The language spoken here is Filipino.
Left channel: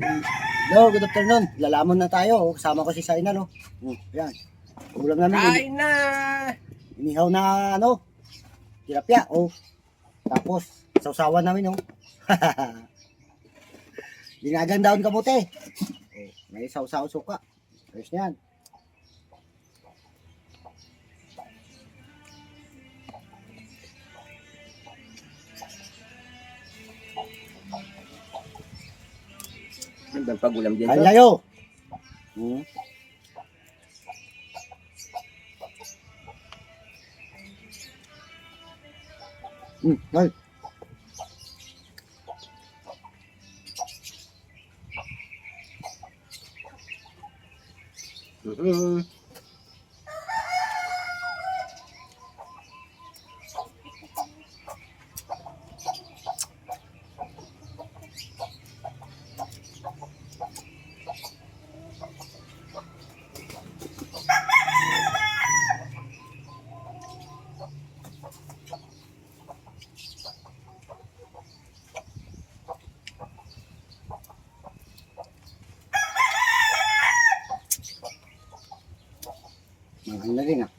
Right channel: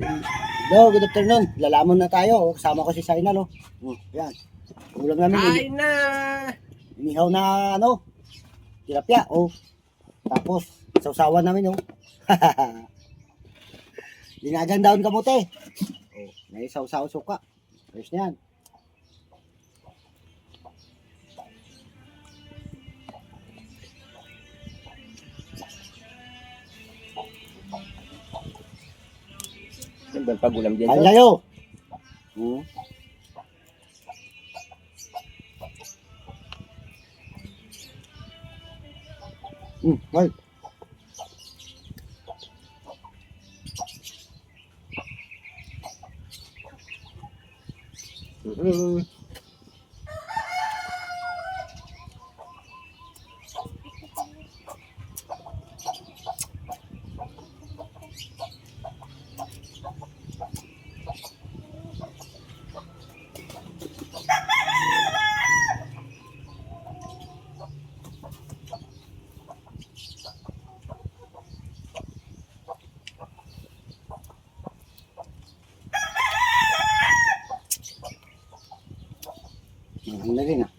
Hello, good afternoon. Lalamon na tayo. Oh, kasama ko si Saina, no? Yan. Ulam namin. Kain na! Inihaw na, ano, tilapia. Oh. Tapos, sausawan namin, oh. Dinagang daon kamote. Oh, may sausaw suka. Ayos na yan. Ano ba pagulam dyan? Kain kayo. Right. Maganda rin, ah.